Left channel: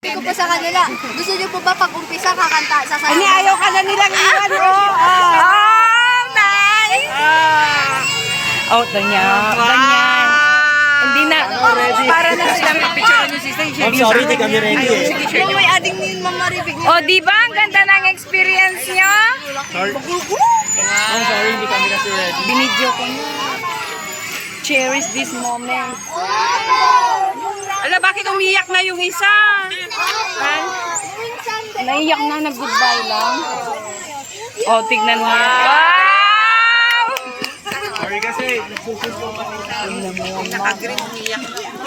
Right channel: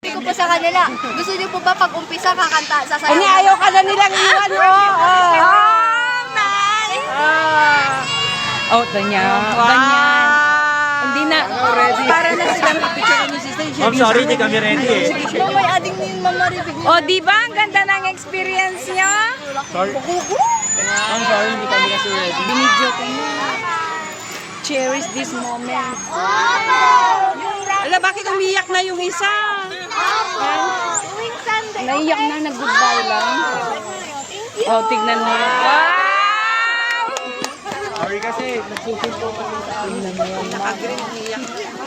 Ko po sa kanila. Gusto niyo po ba pag-umpisa kakanta sa Hindi, ayaw ka na nilang iwan. Oh, nice! Oh, ganyan. Hindi na, para na sila. I'm sorry, di kami ready eh. Yung may ading ni Mama Ribig. Oh, di ba? Ang ganda ng experience nyo. Sorry. I'm sorry, hindi kami kasi ready. Binidyo ko na. Cherish this moment. Ala, bakit umiyak na yung isa? Naiyak na, nag-goodbye lang. Oh, tignan mo yan. Wow! Sorry kasi, nagsusunod pa kami.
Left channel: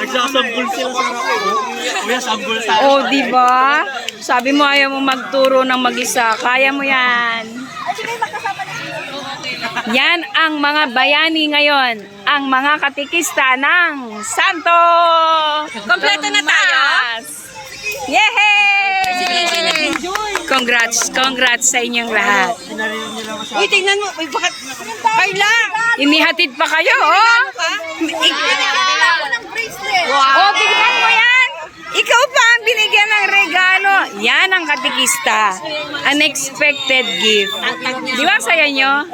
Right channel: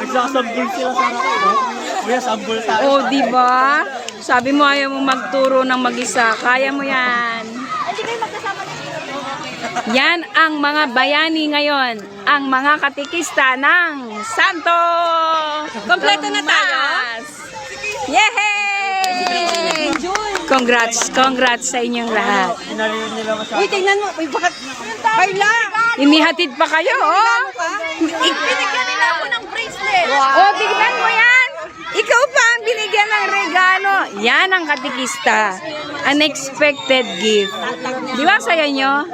Nagsasambul sila sa akin. May sambul sa akin. Oh, di ba? Sabi mo ayaw mo magturo ng mag-isa. Kaya mo yan. Yan ang mga bayani ngayon. Ang mga katikista ng Santo Kompleto na tayo? Tomas. Yehey! Congrats sa inyong lahat. Pinarinig nila ko sa Uy, tingnan mo. Uy, bakit? Carla! Inihatid pa kayo, oh. Binigyan nila ako ng bracelet. Oh, bigyan mo yan. Ikaw pa ang binigyan ng regalo. Yan ang katikista. Unexpected gift. Di ba ang saya nyo?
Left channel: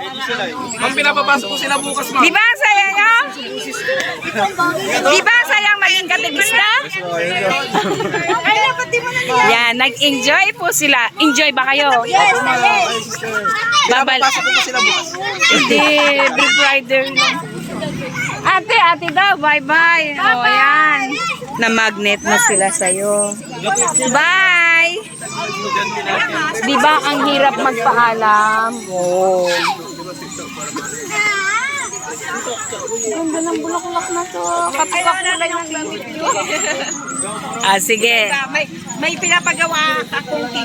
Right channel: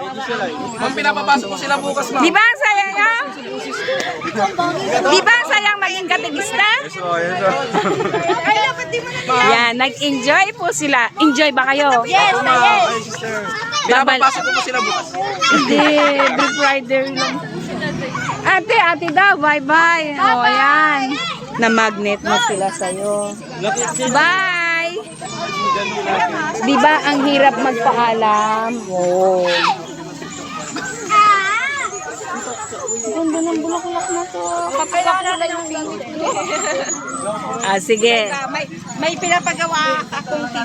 Ma'am, pinapapasok ko sila bukas, ma'am. Di ba ang saya nyo? Di ba ang saya ang maging katikista? Yan, nag-enjoy po sila. Enjoy ba kayo? Yes, yes. Pinapapasok ko sila bukas. Hindi, Big Rider lang. Ate daw, bye-bye. O, ayan. Na-magnet na sila sa'yo. Bye! Di ba ang hirap magpaalam? Oh. Ganda ng bulaklak na to. Kapukakulay ng damit nyo. Ah, sige. May pinapagawa akong